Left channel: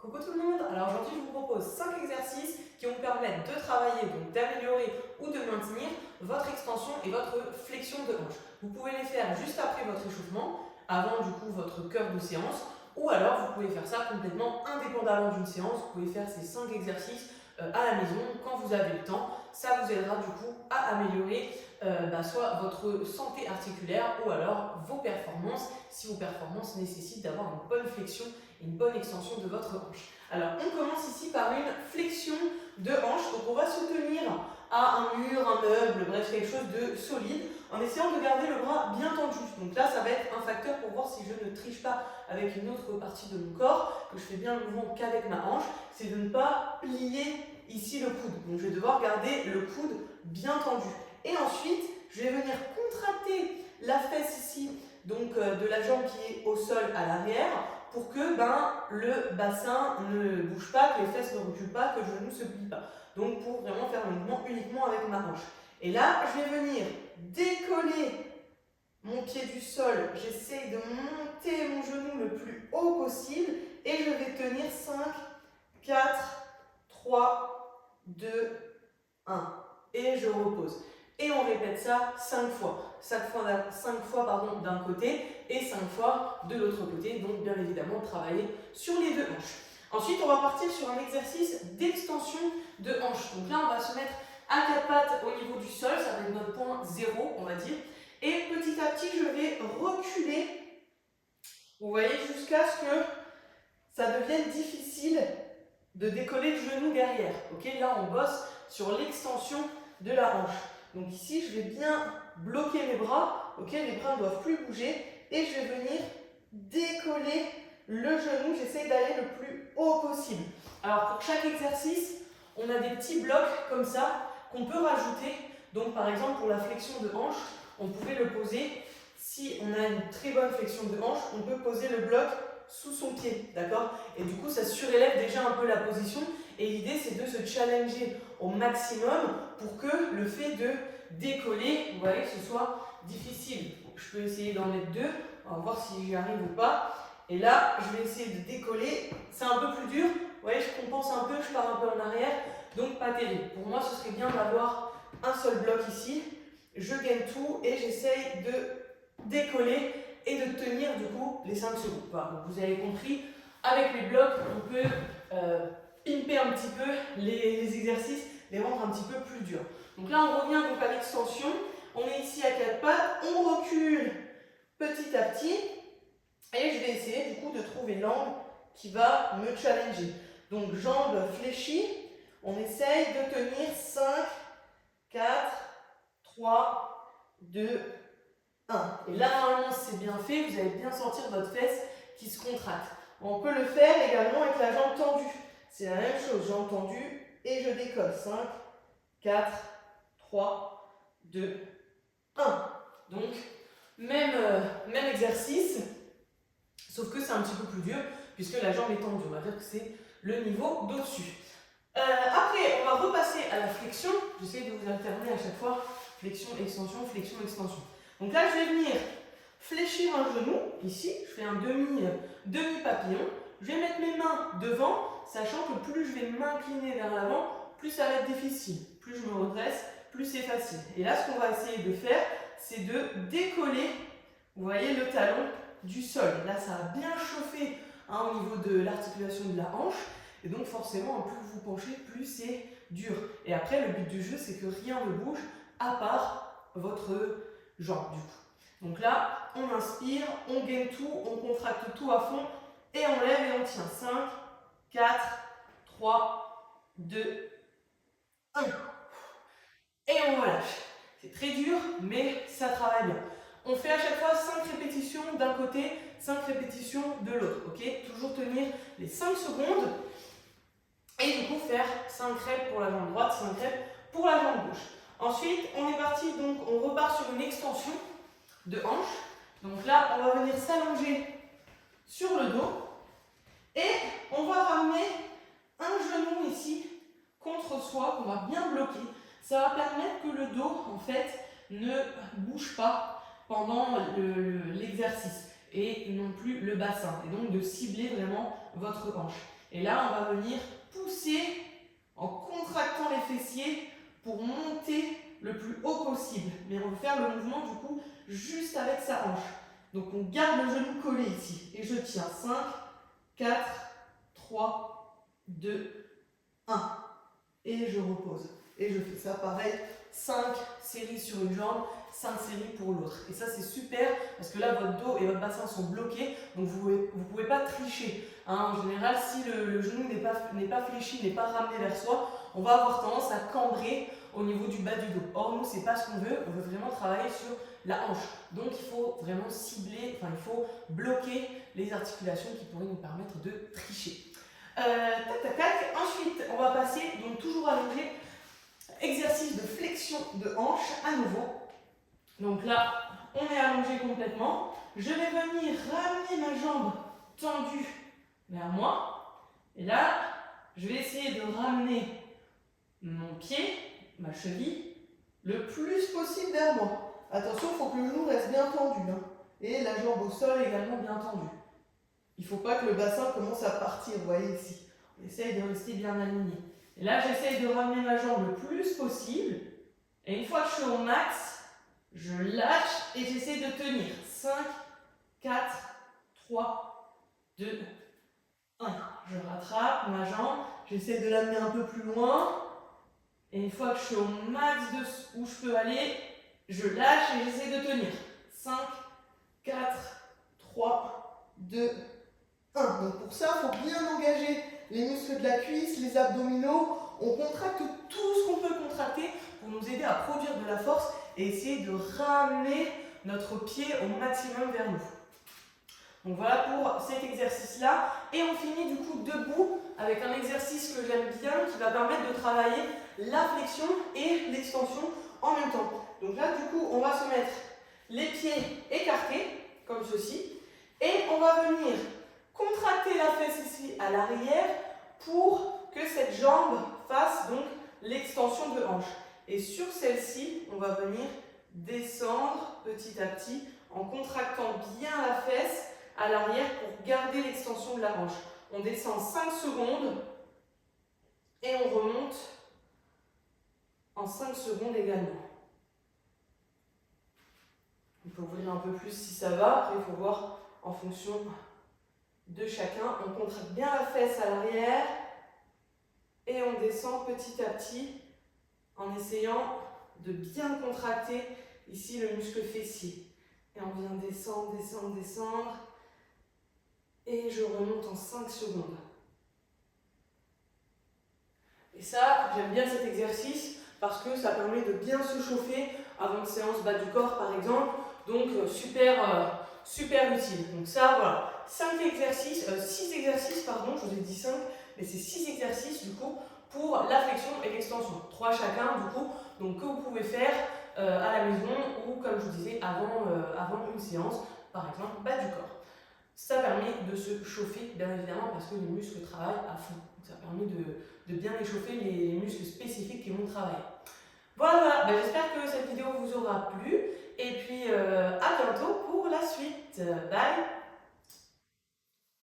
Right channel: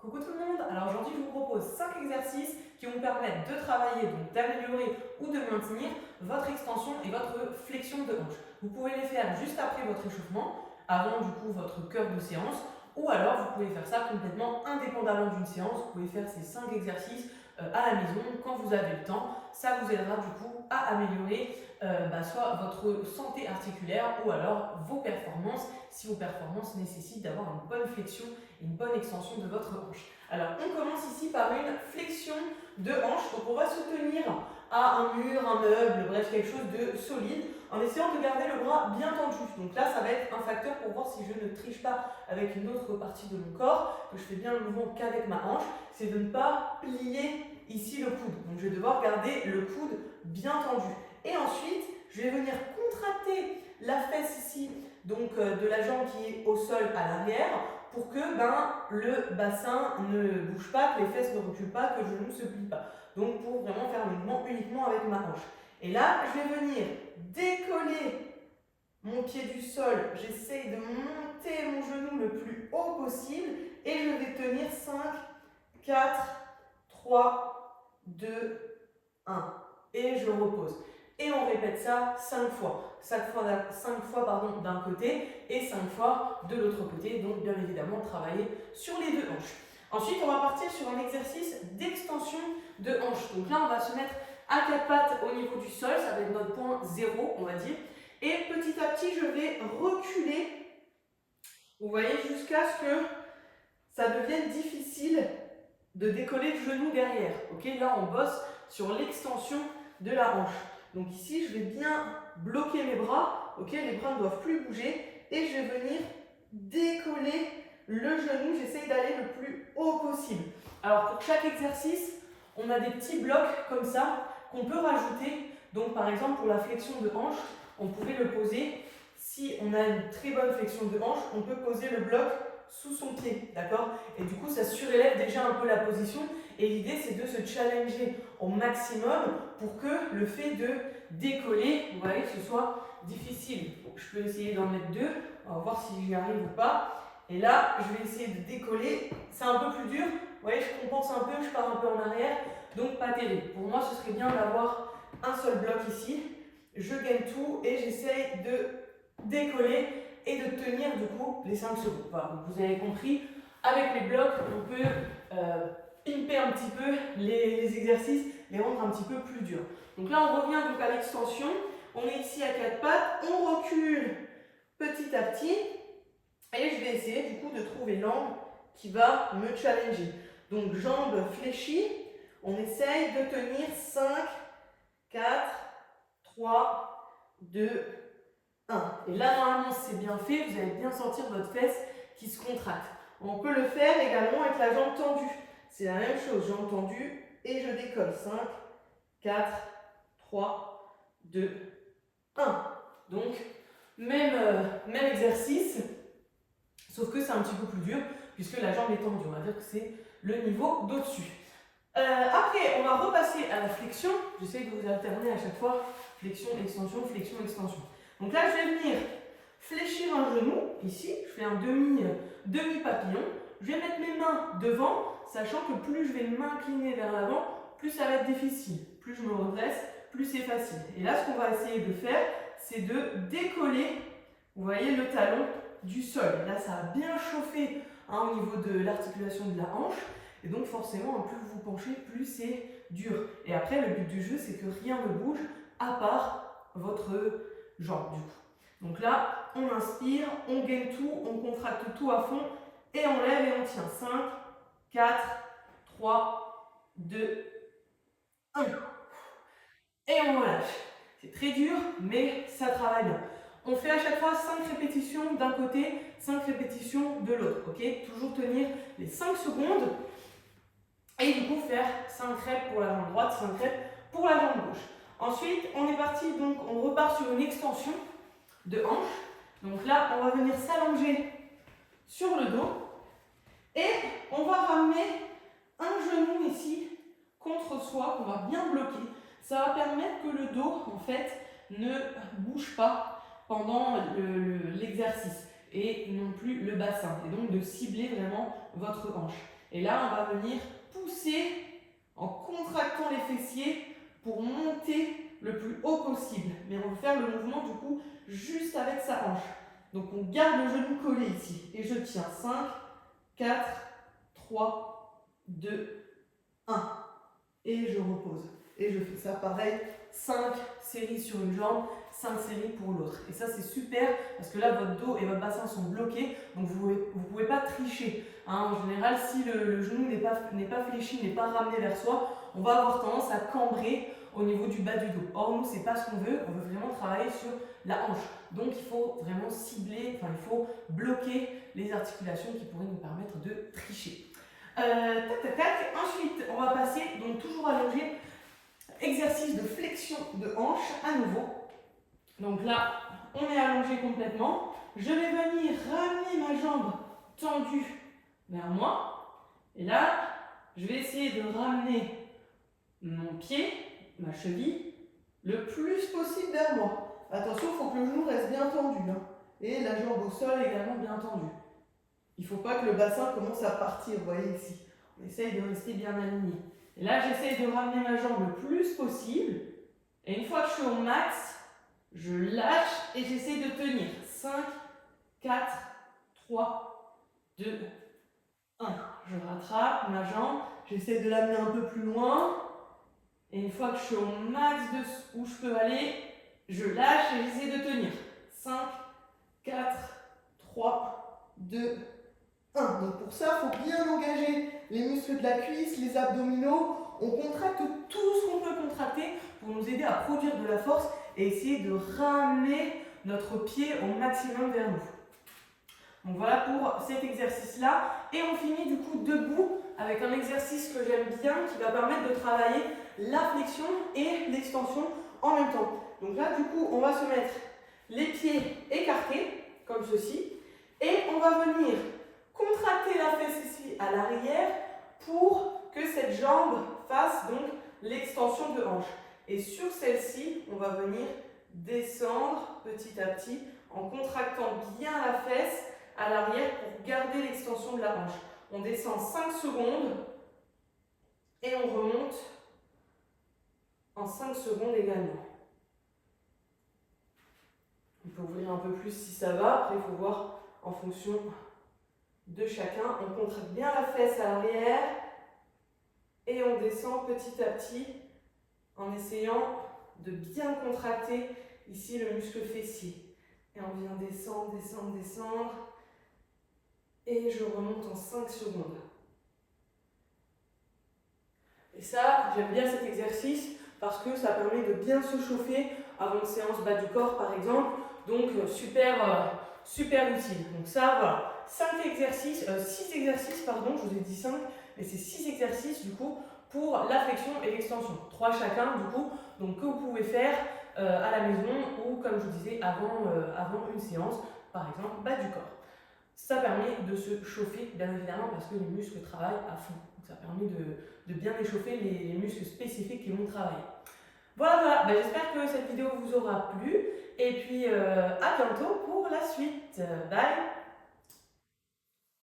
Coucou tout le monde. Alors aujourd'hui je vous propose 5 exercices qui vont vous permettre de travailler, donc d'améliorer ou de maintenir votre extension et votre flexion de hanche. Vous pouvez les faire juste après votre échauffement, avant du coup votre cœur de séance, ou alors vous pouvez faire ça complètement indépendamment d'une séance. Vous pouvez faire ces 5 exercices à la maison quand vous avez le temps. Ça vous aidera du coup à améliorer soit votre santé articulaire ou alors vos performances, si vos performances nécessitent d'avoir une bonne flexion et une bonne extension de votre hanche. Alors on commence ici par une flexion de hanche. Donc on va se tenir à un mur, un meuble, bref quelque chose de solide en essayant de garder le bras bien tendu. Donc là ça va être un facteur pour voir si je ne triche pas avec une autre partie de mon corps, que je fais bien le mouvement qu'avec ma hanche, c'est de ne pas plier ici le coude. Donc je vais devoir garder le coude bien tendu. Et ensuite, je vais venir contracter la fesse ici, donc de la jambe qui est au sol à l'arrière, pour que le bassin ne bouge pas, que les fesses ne reculent pas, que le genou ne se plie pas. Donc pour vraiment faire le mouvement uniquement avec ma hanche. Et là, je vais venir décoller mon pied du sol. J'essaye de monter mon genou le plus haut possible et je vais tenir 5, 4, 3, 2, 1. Et je repose. Et on répète ça 5 fois. 5 fois d'un côté et 5 fois de l'autre côté. Donc bien évidemment travailler sur les deux hanches. Ensuite on va partir sur un exercice d'extension de hanche. Donc là on va se mettre à 4 pattes au niveau du sol. Ça va être notre point 0 on va dire. Et petit à petit je vais reculer. Vous voyez, jusqu'à ce que ça devienne difficile de décoller le genou derrière. Ok, là on bosse sur l'extension de la hanche. Donc ici, je vais bien bloquer mes bras. Ok, les bras ne doivent plus bouger. Et je vais venir décoller le genou. J'essaye d'aller le plus haut possible. Alors pour chaque exercice, on a des petits blocs comme ça qu'on peut rajouter. Donc par exemple, pour la flexion de hanche, on pouvait le poser. Si on a une très bonne flexion de hanche, on peut poser le bloc sous son pied, d'accord? Et du coup, ça surélève déjà un peu la position. Et l'idée, c'est de se challenger au maximum pour que le fait de décoller, vous voyez, que ce soit difficile. Donc, je peux essayer d'en mettre 2. On va voir si j'y arrive ou pas. Et là, je vais essayer de décoller. C'est un peu plus dur. Vous voyez, je compense un peu, je pars un peu en arrière. Donc, pas terrible. Pour moi, ce serait bien d'avoir un seul bloc ici. Je gagne tout et j'essaye de décoller et de tenir du coup les 5 secondes. Voilà, donc vous avez compris, avec les blocs, on peut pimper un petit peu les exercices, les rendre un petit peu plus durs. Donc là, on revient donc à l'extension. On est ici à 4 pattes, on recule petit à petit et je vais essayer du coup de trouver l'angle qui va me challenger. Donc jambes fléchies, on essaye de tenir 5, 4, 3, 2, 1. Et là, normalement, c'est bien fait, vous allez bien sentir votre fesse qui se contracte. On peut le faire également avec la jambe tendue. C'est la même chose, jambe tendue et je décolle. 5, 4, 3, 2, 1. Donc, même exercice, sauf que c'est un petit peu plus dur puisque la jambe est tendue. On va dire que c'est le niveau d'au-dessus. Après, on va repasser à la flexion. J'essaie de vous alterner à chaque fois. Flexion, extension, flexion, extension. Donc là, je vais venir fléchir un genou. Ici, je fais un demi-papillon. Je vais mettre mes mains devant, sachant que plus je vais m'incliner vers l'avant, plus ça va être difficile. Plus je me redresse, plus c'est facile. Et là, ce qu'on va essayer de faire, c'est de décoller, vous voyez, le talon du sol. Là, ça a bien chauffé au niveau de l'articulation de la hanche. Et donc, forcément, plus vous vous penchez, plus c'est dur. Et après, le but du jeu, c'est que rien ne bouge à part votre jambe, du coup. Donc là, on inspire, on gaine tout, on contracte tout à fond et on lève et on tient. 5, 4, 3, 2, 1. Et on relâche. C'est très dur, mais ça travaille bien. On fait à chaque fois 5 répétitions d'un côté, 5 répétitions de l'autre. Ok, toujours tenir les 5 secondes. Et du coup, faire 5 reps pour la jambe droite, 5 reps pour la jambe gauche. Ensuite, on est parti, donc on repart sur une extension de hanche. Donc là, on va venir s'allonger sur le dos. Et on va ramener un genou ici contre soi, qu'on va bien bloquer. Ça va permettre que le dos, en fait, ne bouge pas pendant l'exercice. Et non plus le bassin. Et donc de cibler vraiment votre hanche. Et là, on va venir pousser en contractant les fessiers pour monter le plus haut possible. Mais on va faire le mouvement du coup juste avec sa hanche. Donc on garde le genou collé ici. Et je tiens 5, 4, 3, 2, 1. Et je repose. Et je fais ça pareil, 5 séries sur une jambe, 5 séries pour l'autre. Et ça c'est super parce que là votre dos et votre bassin sont bloqués, donc vous ne pouvez pas tricher. Hein, en général, si le genou n'est pas fléchi, n'est pas ramené vers soi, on va avoir tendance à cambrer au niveau du bas du dos. Or nous, c'est pas ce qu'on veut vraiment travailler sur la hanche. Donc il faut vraiment cibler, il faut bloquer les articulations qui pourraient nous permettre de tricher. Tac, tac, tac. Ensuite, on va passer, donc toujours allongé, exercice de flexion de hanche à nouveau. Donc là, on est allongé complètement. Je vais venir ramener ma jambe tendue vers moi. Et là, je vais essayer de ramener mon pied, ma cheville, le plus possible vers moi. Attention, il faut que le genou reste bien tendu. Hein. Et la jambe au sol également bien tendue. Il ne faut pas que le bassin commence à partir, vous voyez ici. On essaye de rester bien aligné. Et là, j'essaye de ramener ma jambe le plus possible. Et une fois que je suis au max, je lâche et j'essaie de tenir. 5, 4, 3, 2, 1. Je rattrape ma jambe. J'essaie de l'amener un peu plus loin. Et une fois que je suis au max de où je peux aller, je lâche et j'essaie de tenir. 5, 4, 3, 2, 1. Donc pour ça, il faut bien engager les muscles de la cuisse, les abdominaux. On contracte tout ce qu'on peut contracter pour nous aider à produire de la force et essayer de ramener notre pied au maximum vers nous. Donc voilà pour cet exercice-là. Et on finit du coup debout avec un exercice que j'aime bien qui va permettre de travailler la flexion et l'extension en même temps. Donc là, du coup, on va se mettre les pieds écartés, comme ceci, et on va venir contracter la fesse ici à l'arrière pour que cette jambe fasse donc l'extension de hanche. Et sur celle-ci, on va venir descendre petit à petit en contractant bien la fesse à l'arrière pour garder l'extension de la hanche. On descend 5 secondes et on remonte en 5 secondes également. On peut ouvrir un peu plus si ça va. Après, il faut voir en fonction de chacun. On contracte bien la fesse à l'arrière et on descend petit à petit en essayant de bien contracter ici le muscle fessier. Et on vient descendre, descendre, descendre. Et je remonte en 5 secondes. Et ça, j'aime bien cet exercice parce que ça permet de bien se chauffer avant une séance bas du corps par exemple. Donc super utile. Donc ça, voilà. 6 exercices, je vous ai dit 5, mais c'est 6 exercices du coup pour la flexion et l'extension. 3 chacun du coup, donc que vous pouvez faire à la maison ou comme je vous disais avant une séance, par exemple bas du corps. Ça permet de se chauffer, bien évidemment, parce que les muscles travaillent à fond. Donc ça permet de bien échauffer les muscles spécifiques qui vont travailler. Voilà. J'espère que cette vidéo vous aura plu. Et puis, à bientôt pour la suite. Bye!